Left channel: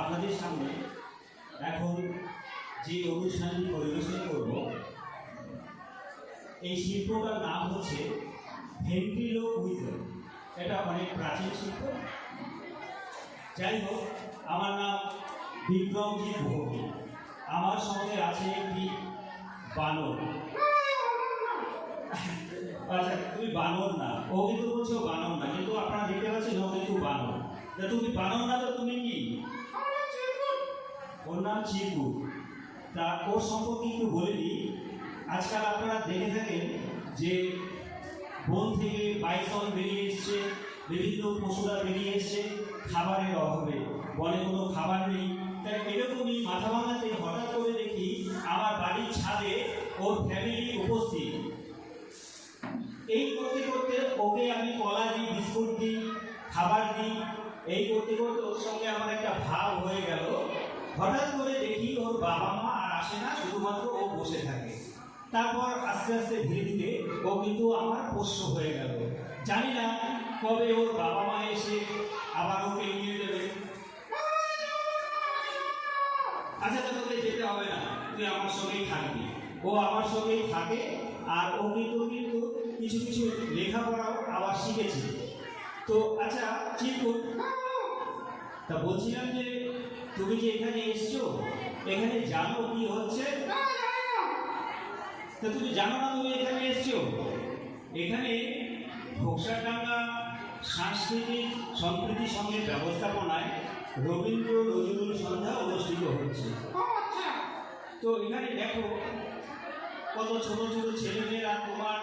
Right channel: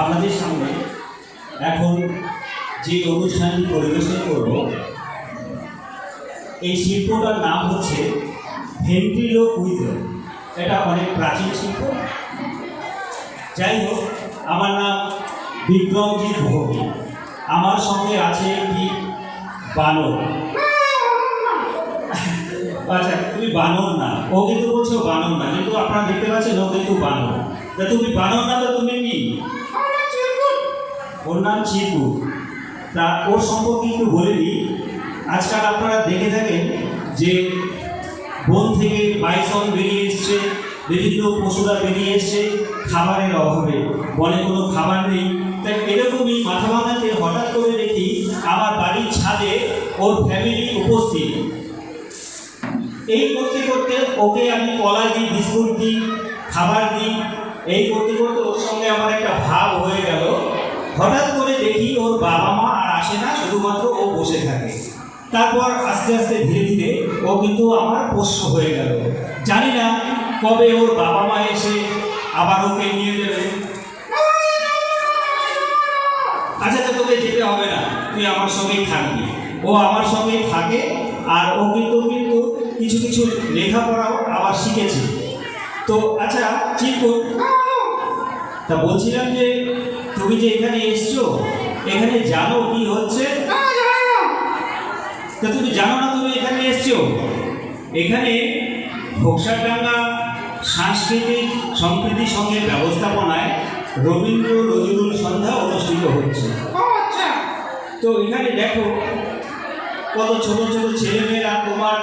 আপনাদের সামনে এখন যে অনুষ্ঠানটি পরিবেশন করব, এই শিল্পটার নাম হচ্ছে ভেন্টিলো কুইজন এটা অনেক প্রাচীন শিল্প। যাই হোক আমার নাম বিক্রমজিৎ ভৌমিক। আমার সঙ্গে আছে একটি বানর। আচ্ছা তুমি বানর না। ও কিন্তু বলছো বানর না, কিন্তু আপনারা দেখতে পাচ্ছেন ও কিন্তু বানর। তা তুমি বানর না, তো তুমি কি? ওর নাম চিকু তা ওর সম্পর্কে একটু বলে দিই। আজকাল আপনারা দেখে থাকেন যে বন থেকে বাইসন বেরিয়ে এসছে, বিভিন্ন পশুরা বেরিয়ে এসছে খাবারের অভাবে। বনে কোনো খাবার নেই। তাই এরকমই মাথা ভাঙাতে হঠাৎ করে দেখি আমার বাড়ির ছাদে ওর ফ্যামিলি উপস্থিত। এই করতে করতে ওকে আমি কলা দিই, বিস্কুট দিই, খাবার দিই। এই করতে করতে ওর সঙ্গে আমার একটা ভাব হয়ে গেল হঠাৎ করে দেখি ওর বাবা মা আর আসে না শুধুমাত্র ও বসে থাকে। তারপর আস্তে আস্তে ধীরে ধীরে ও কিন্তু আমার পোষ্য হয়ে গেল। জানি না কবে ওর বাবা মা এসে আবার ওকে নিয়ে যাবে। আচ্ছা তো তোকে যেতে হবে না। তুই আমার সঙ্গেই থাকবি। ও আমার সঙ্গেই থাকে আর ও কিন্তু কিন্তু কিছু কিছু লেখাপড়াও আবার শিখেছে। তো আচ্ছা চিকু তা বলছিলাম যে, তুমি যে এখানে এসছো, এখানে জানো কি হচ্ছে? তা তুমি জানো না তুমি এখানে এসছো? এখানে ঘোকসারডাঙ্গা সাংস্কৃতিক সম্প্রীতি সঙ্গে ব্যবস্থাপনায় রবীন্দ্র নজরুল সন্ধ্যা অনুষ্ঠিত হচ্ছে। তো এখানে দেখো কত ছোট ছোট ছেলেমেয়েরা তোমার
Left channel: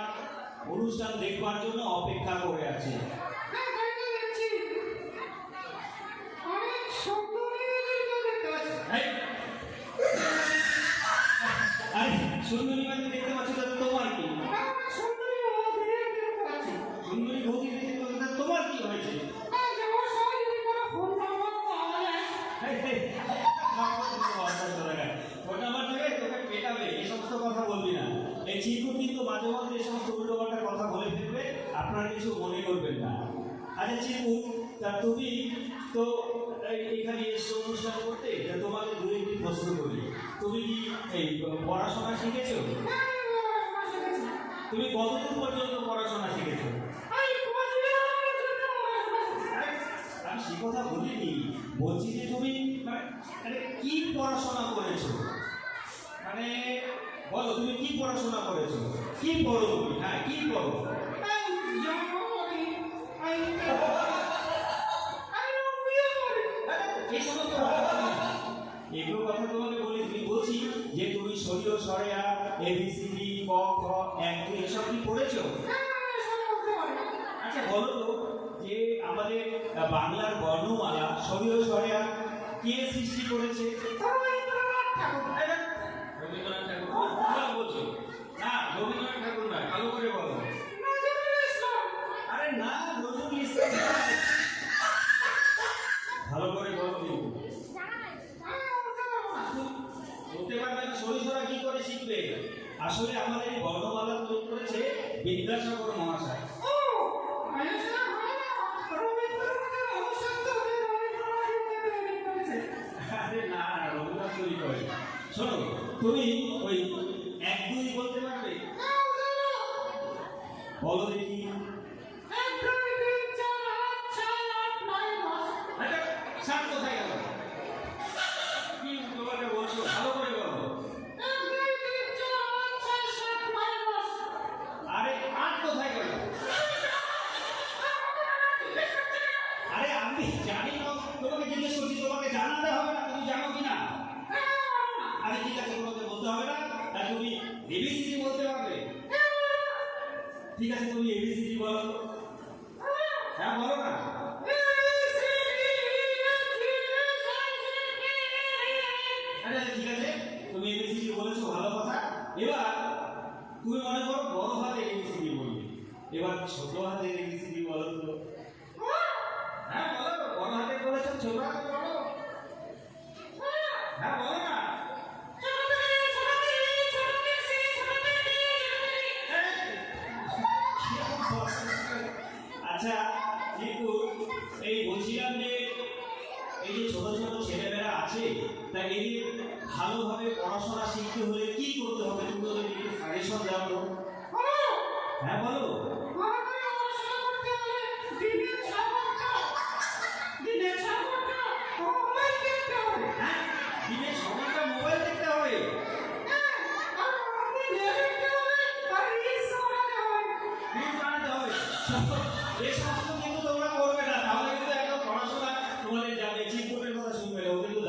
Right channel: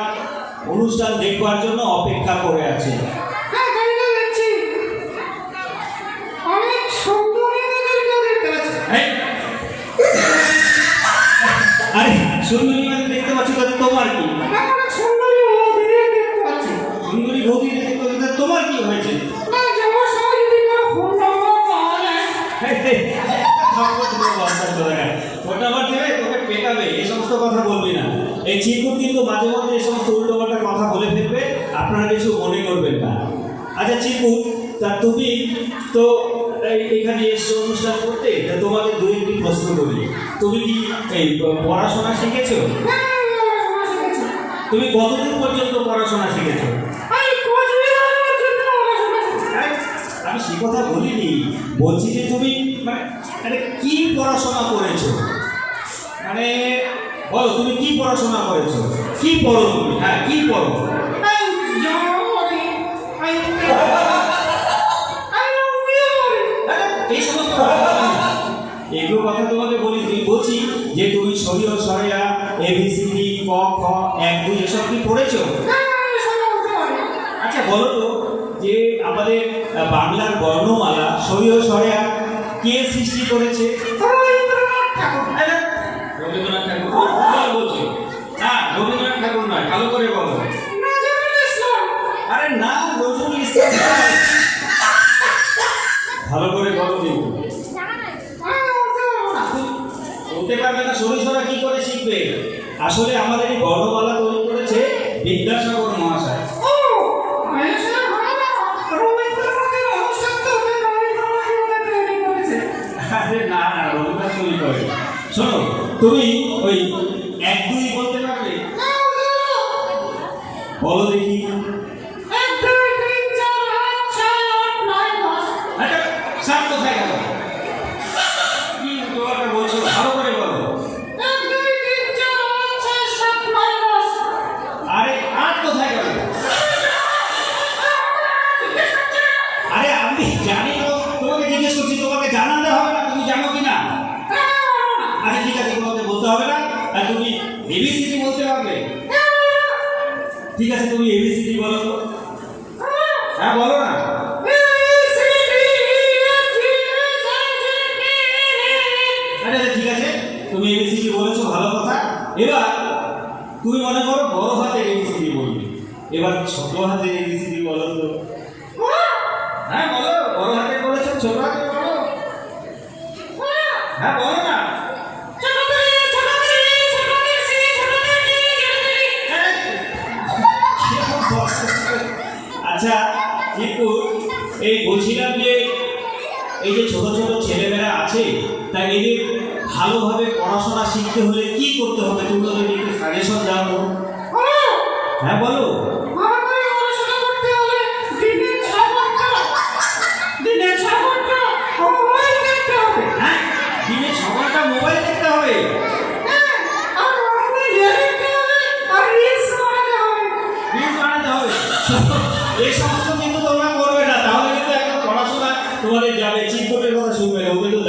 অনুষ্ঠান দেখবার জন্য অপেক্ষা করে আছে। এই! আরে সুন্দরী ওটা আবার দেবে তোকে পেটাবে এই সমস্ত কথা বলবি না এই চিরকুট কিন্তু মাঝে মধ্যে এই সমস্ত উল্টোপাল্টা কথা বলে ফেলবে আপনারা কিছু মনে করবেন না আচ্ছা চিরকুট তা তুমি তো এখানে এসছো অনুষ্ঠান করতে তা তোমাকে দু একটি প্রশ্ন করি তুমি কি এই পড়াশোনা শিখেছো তুমি কতদিন পর্যন্ত পড়াশোনা শিখেছো আমি সে কথা বলিনি বলছি যে তুমি মানে মানে কি পড়াশোনা করেছ? মানে বলো তুমি কি পড়াশোনা করেছ? কি পড়ো তুমি? হ্যাঁ কি পড়ো। এগুলো কথা তোমাকে বলি তুই বলছি যে তুমি সরিয় সরেয়া এবিসিডি ক খ এক দুই এসব কি পড়েছো? আচ্ছা বলো তো যে আমাদের বাংলার বর্ণমালা সরিয় সরেয়া কে সৃষ্টি করেছে? রবীন্দ্রনাথ ঠাকুর। ভুল বলছো না রবীন্দ্রনাথ ঠাকুর নয় ভালো করে বলো। আরে না নজরুল ইসলাম ভালো করে বলো কিন্তু বলতে পারবে না সরিষরা কি করে শিখবে? আসলে আমাদের এই বর্ণমালা আছে তুমি এবিসিডি বলো। তো হ্যাঁ বলো না। আচ্ছা, ঠিক আছে। তুমি এবিসিডি বলেছ ভালো কথা। এবার তুমি মনে করো বড় হাতের এবিসিডি বলবে। এবার ছোট হাতের এবিসিডি বলো তো। হ্যাঁ বলো বড় হাতে বলেছ ছোট হাতে বলো। হ্যাঁ বলো। আচ্ছা কিন্তু এই বলছিলাম যে এই যে ছোট ছোট ছেলেমেয়েরা আছে, তাই এদের ভালোভাবে পড়াশোনা শিখতে হলে কি করতে হবে? তোমরা যদি একটু সাজেশন জানো হ্যাঁ বলো।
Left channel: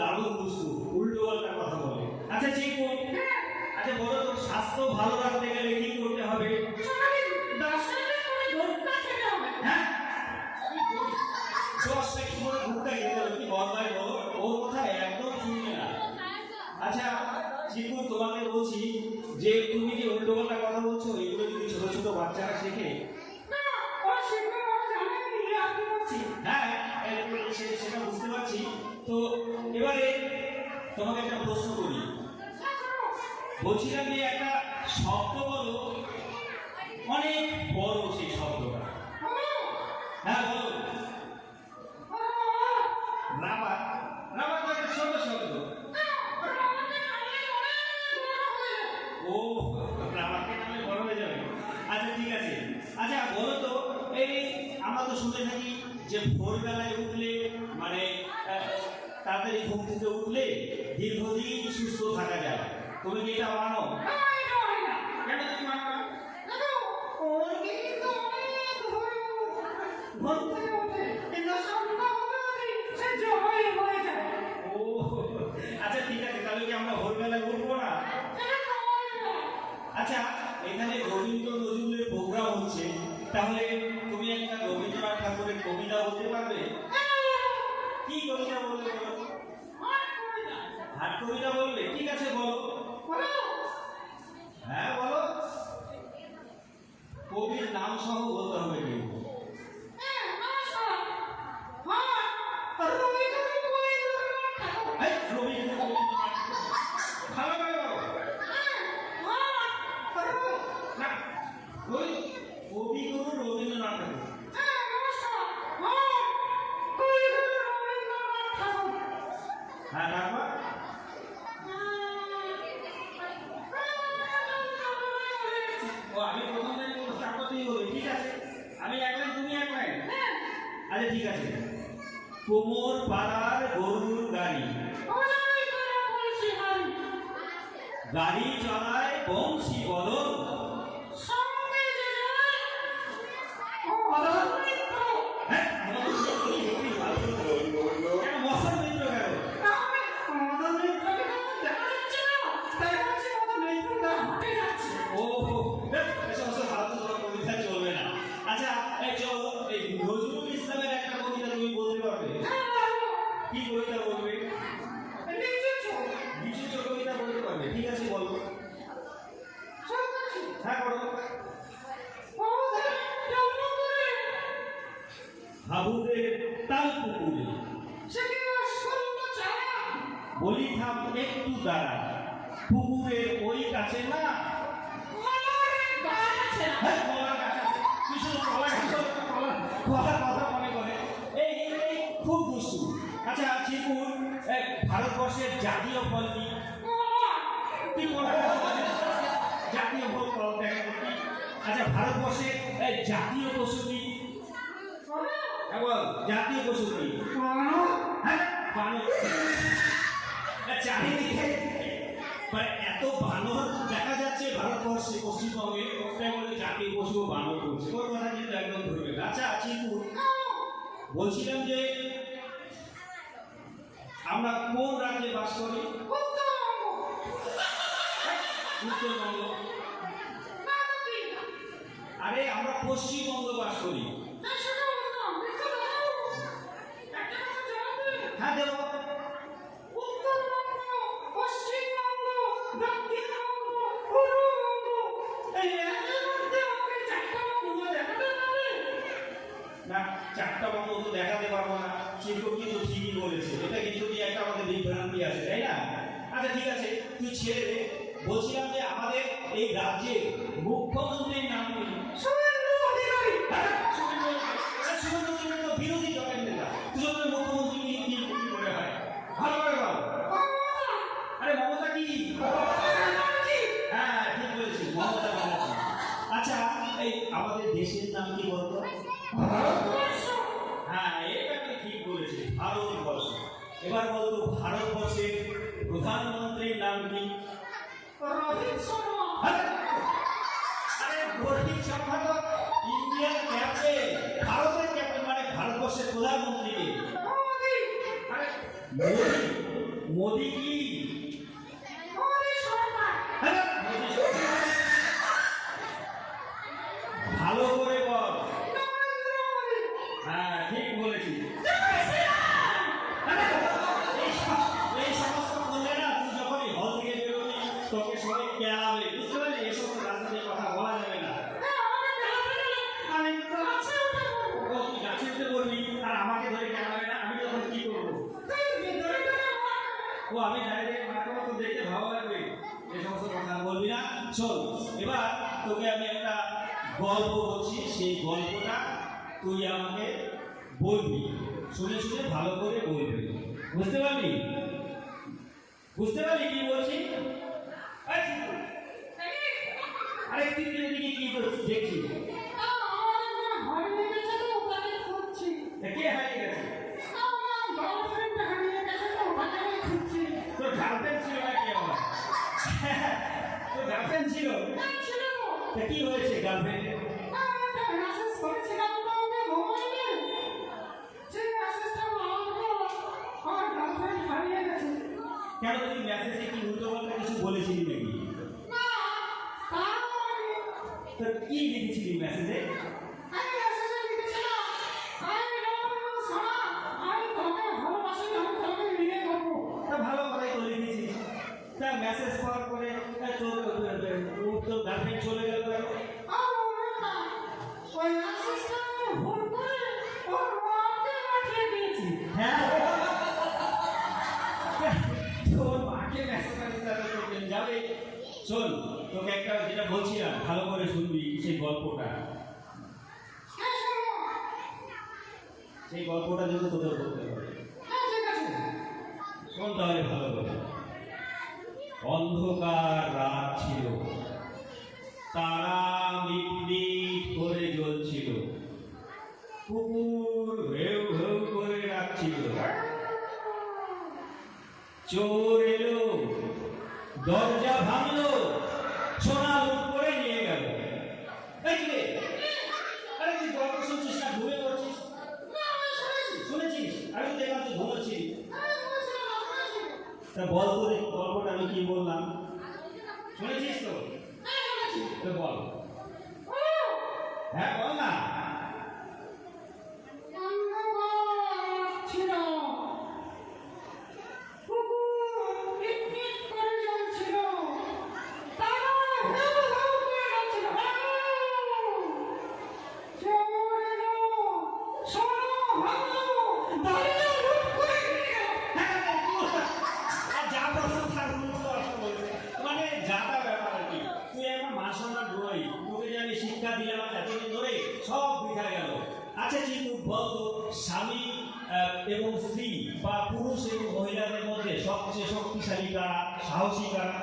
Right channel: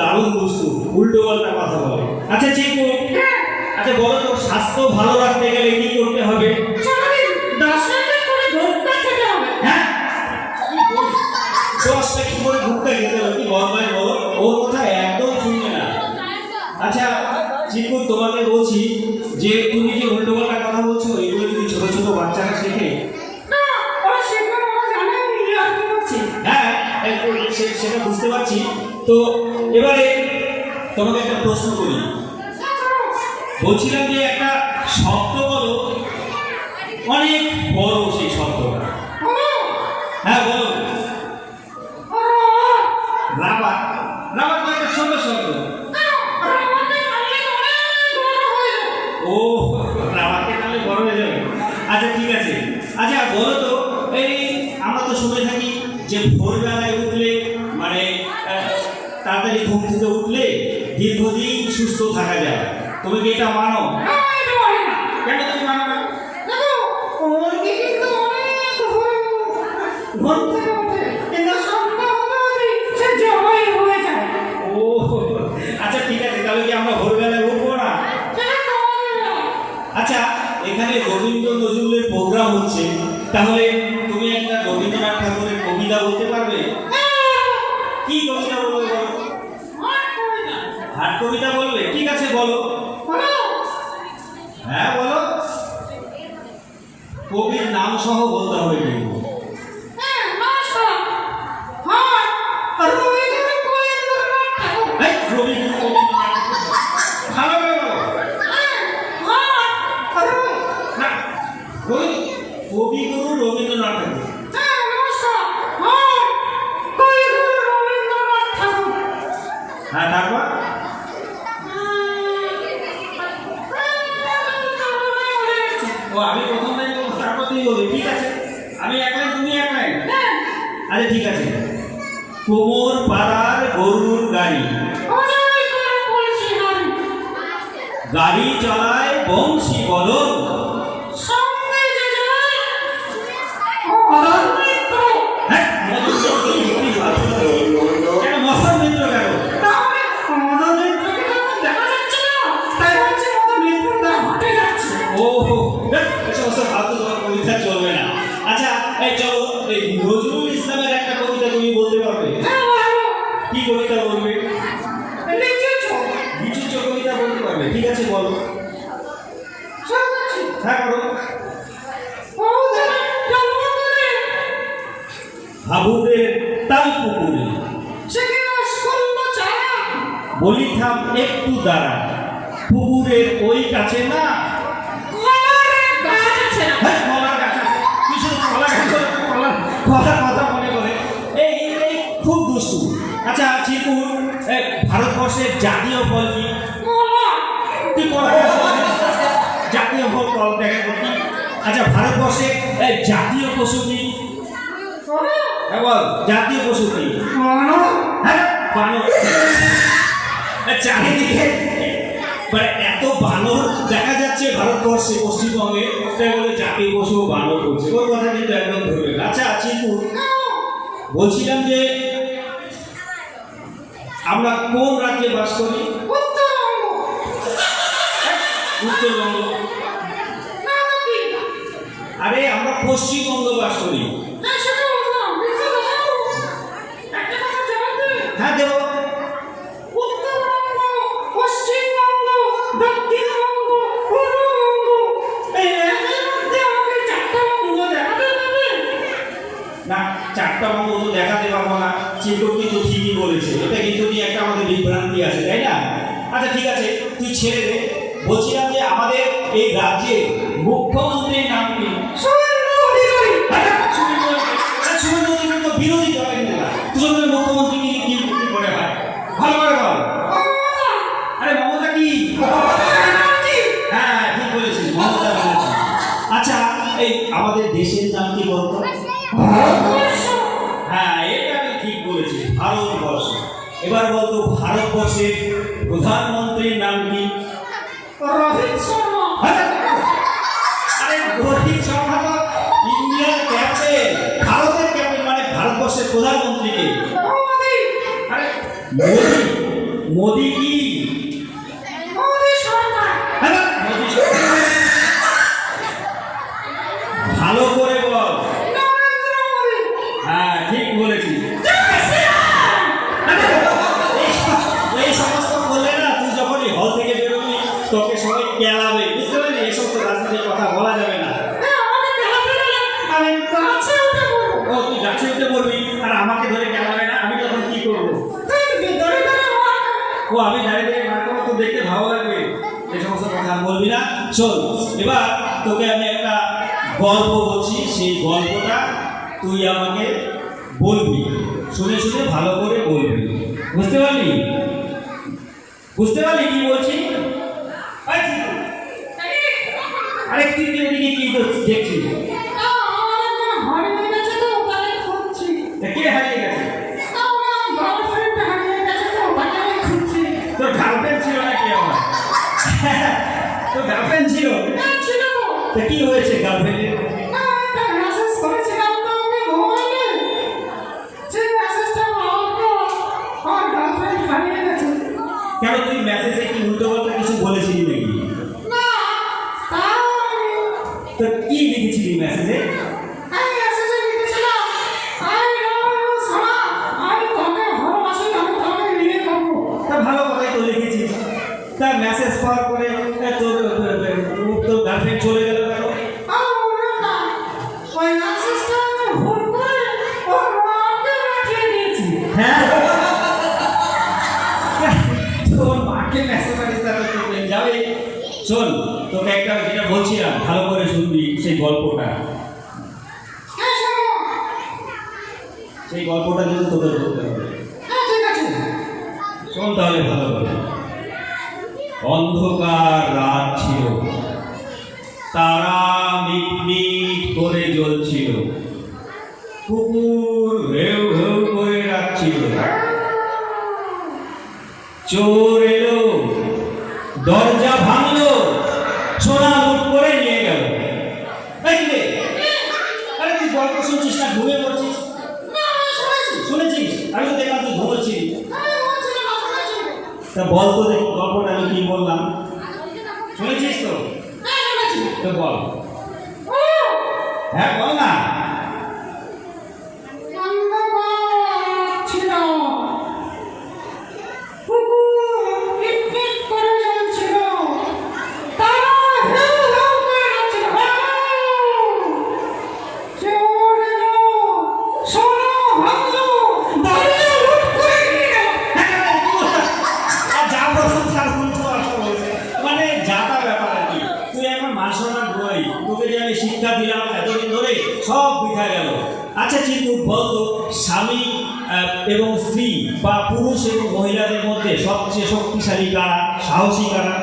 দারুণ দুষ্টু উল্টো পাল্টা কথা বলে। আচ্ছা চিরকুট আচ্ছা বলো তো স্বাস্থ্য ভালো রাখতে গেলে কি এবারে তোমাকে একটা প্রশ্ন করি। বলছিলাম যে একটা শব্দ বলো অনেক ঘুম থেকে উঠলে দীর্ঘদিন সুস্থ থাকা যায়। তুমি কি এটা মানো? কেন তুমি মানো না? হাট কবিতা বললে ঠিক আছে বলো। হ্যাঁ বলো। কবির নাম সহ বলতে হবে কিন্তু হ্যাঁ তারপর ও আমি প্রথম লাইন তারপর তুমি বলবে ঠিক আছে। আমি এক লাইন তুমি এক লাইন। আচ্ছা ঠিক আছে। কোমর পাড়ার গরুর গাড়ি। গাড়ি চলায় বংশী বদল বলি থাম একটু দাঁড়া। পুকুরের ওই কাছে না? হ্যাঁ, কলার কথা মনে করে। এই এই খুব দুষ্টু। আচ্ছা চিকুর ভারতবর্ষের জাতীয় ফল কি? তুই? জাতীয় ফল কল দেখা করতি আচ্ছা জাতীয় পশু কি? হ্যাঁ জাতীয় পশু কি? হ্যাঁ চারিদিকে মানে এত বানর দেখা যাচ্ছে ভারতবর্ষে পশ্চিমবঙ্গে। তাই বলে জাতীয় পশু বানর করছে। ওর কথা কিন্তু একদম ধরবে আচ্ছা চিকু বলছিলাম যে আমরা কোন রাজ্যে বাস করি? উত্তরবঙ্গ। আরে আমরা পশ্চিমবঙ্গ বাস করি। 我的 ও আমি দাঁড়িয়ে মার খাব তো দেখতে ভালো লাগবে। এই সমস্ত কথা বলবি না। শোন, এবার তোকে আমি একটা গল্প বলছি, সেই গল্পটা তুই আমাকে বলবি। শুনে শুনে ভালো করে বলবি। বুঝতে পারলি? বুঝতে পারলি কি বলছি? আরে, তুই- কি ওদিকে তোর গার্লফ্রেন্ড ছিল? ছিল। তো তা কি হয়েছে গার্লফ্রেন্ডের তা মেসেজ পাওয়ার পরে তোর তোর গার্লফ্রেন্ড চলে গেল কেন আর ওরা না ওই মেসেজটা আমি ভুল করে ওর মাকে পাঠিয়ে দিয়েছি। হ্যাঁ। তোর মাকে মেসেজ পাঠিয়েছিস তাহলে তোর যাবে? শোন তোকে একটা যেটা বলছিলাম ভালো করে শুনবি সেই গল্পটা। হ্যাঁ সেই গল্পটা কিন্তু তোদের বলতে হবে। হ্যাঁ শোন তাহলে ভালো করে। অন্ধকার রাত ছিল তারা মিটমিট করে জ্বলছিল। কুকুর হেউ হেউ করে রাখছিল চোর এলো দরজা ভাঙলো সোনা লুট করে নিয়ে গেল এই কি রে? আরে তুই গল্প শুনছিস না ঘুমিয়ে পড়ছিস না আমি শুনেছি শুনেছিস আমি তো দেখলাম তুই ঘুমোচ্ছিস আমি বলছিলাম না শুনেছি তা বল তো দেখ গল্পটা আমি কি বললাম? শুনেছিস তো? বল। হ্যাঁ বল না অন্ধকার ছিল কুকুর পিটপিট করে জ্বলছিল তারা হেউ হেউ করে যাচ্ছিল চোর এলো সোনা ভাঙলো দরজা লুট করে নিয়ে গেল আর যা বলছিস তার উল্টো কথা বলছে। মানে যা তা ব্যাপার আর কি তুই এখন মাসনার বই তোকে যে আমি শিক্ষা দিলাম এতদিন ধরে সব বৃথা গেল। আচ্ছা চিন্তু বলতো স্বামী এবং স্ত্রী বা পুরুষ এবং মহিলাদের মধ্যে সবচেয়ে শক্তিশালী কারা সাহসী কারা?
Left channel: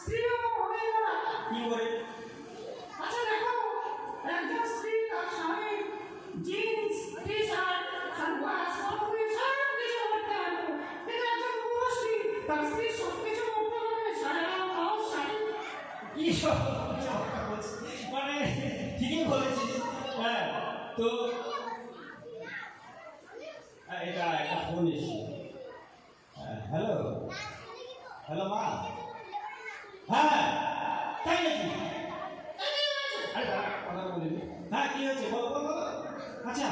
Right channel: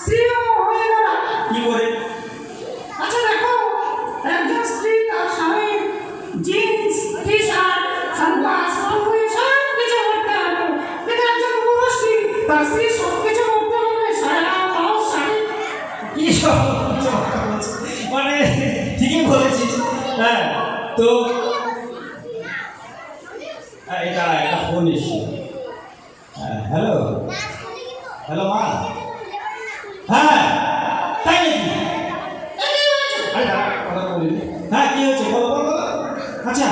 স্ত্রী কি করে আচ্ছা দেখো একজন স্ত্রী তার স্বামীর jeans T shirt sunglass panjabi সব কিছু করতে হবে কিন্তু একজন পুরুষ তার স্ত্রী সব কিছু করতে হবে সারা ব্লাউজ শাড়ি কি সব হ্যাঁ তো হ্যাঁ, এটা একটা ফোন এসছে। হ্যাঁ হ্যালো হ্যালো মা? হ্যাঁ তাই নাকি? হ্যাঁ কি হয়েছে? বলো বলো। আচ্ছা।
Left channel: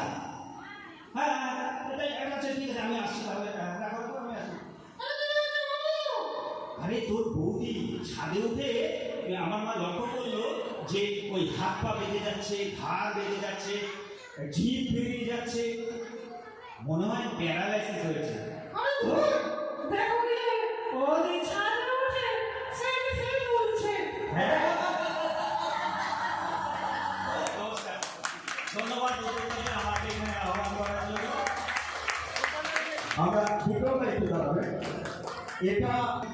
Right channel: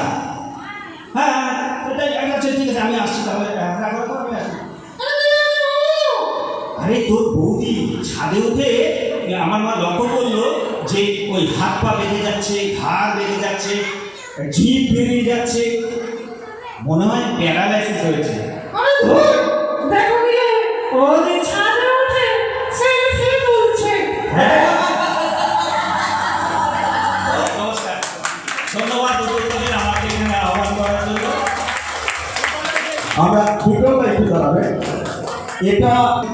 হ্যাঁ হ্যাঁ হ্যাঁ, এটা- আচ্ছা ঠিক আছে আমি আসছি তাহলে। হ্যাঁ, রাখো, আমি আসছি। আরে তোর বৌদি ছাদে উঠে আমার মা লক্ষ্য করল যে ওই হাত পা বেঁধে যাচ্ছে ঘাড় বেঁধে যাচ্ছে ঝিপ বেরিয়ে যাচ্ছে। মনে হয় প্যারালাইসিস হয়েছে। হ্যাঁ। আমরা বিকল্প একটু দাঁড়াবে এটা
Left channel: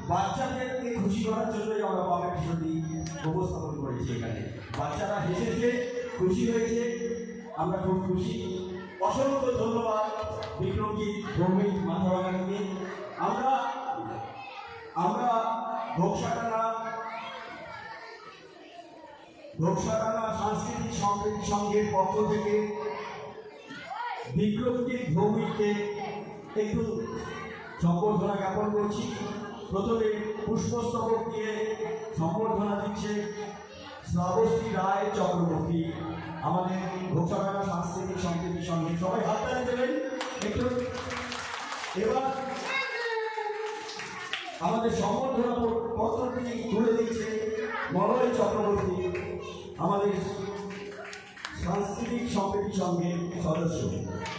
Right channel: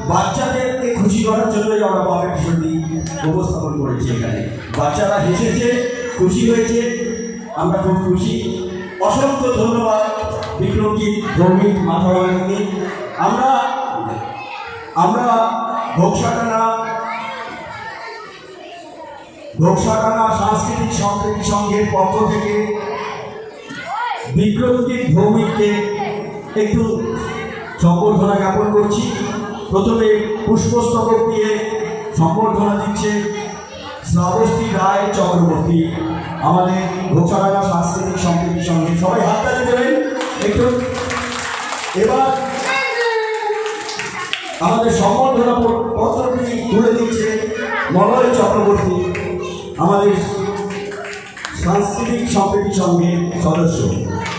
বাচ্চাদেরকে খুশি করার জন্যই আমরা পাবে ভীষণটি উপস্থাপন করেছি এখানে। বাচ্চারা হেসেছে, খুশি হয়েছে, আমরা খুব খুশি। অসংখ্য ধন্যবাদ বিক্রমজিৎ ভৌমিক মাথাভাঙি আমরা আমরা ঘোকসাটানা ঘোকসাটানা সাংস্কৃতিক সম্প্রীতি সংঘের পক্ষ থেকে বিক্রমজিৎ ভৌমিককে একটু সম্বর্ধনা জ্ঞাপন করছি। প্রথমে পুষ্পস্তবক দিয়ে সম্বর্ধনা দিচ্ছে শ্রাবস্তী রায় চক্রবর্তী। আমাদের ঘোষাডাঙ্গা সাংস্কৃতিক সম্প্রীতি সঙ্গে সবাই হাততালি দেবেন। একটু। এবার আমাদের সম্বর্ধনা পত্রটি তুলে দিচ্ছে মলয় চক্রবর্তী, আমাদের সাংস্কৃতিক সম্প্রীতি সঙ্গে সদস্য।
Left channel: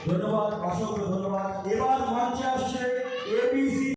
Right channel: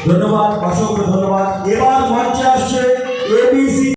ধন্যবাদ, অসংখ্য ধন্যবাদ। এবার মঞ্চে আসছে এবিসি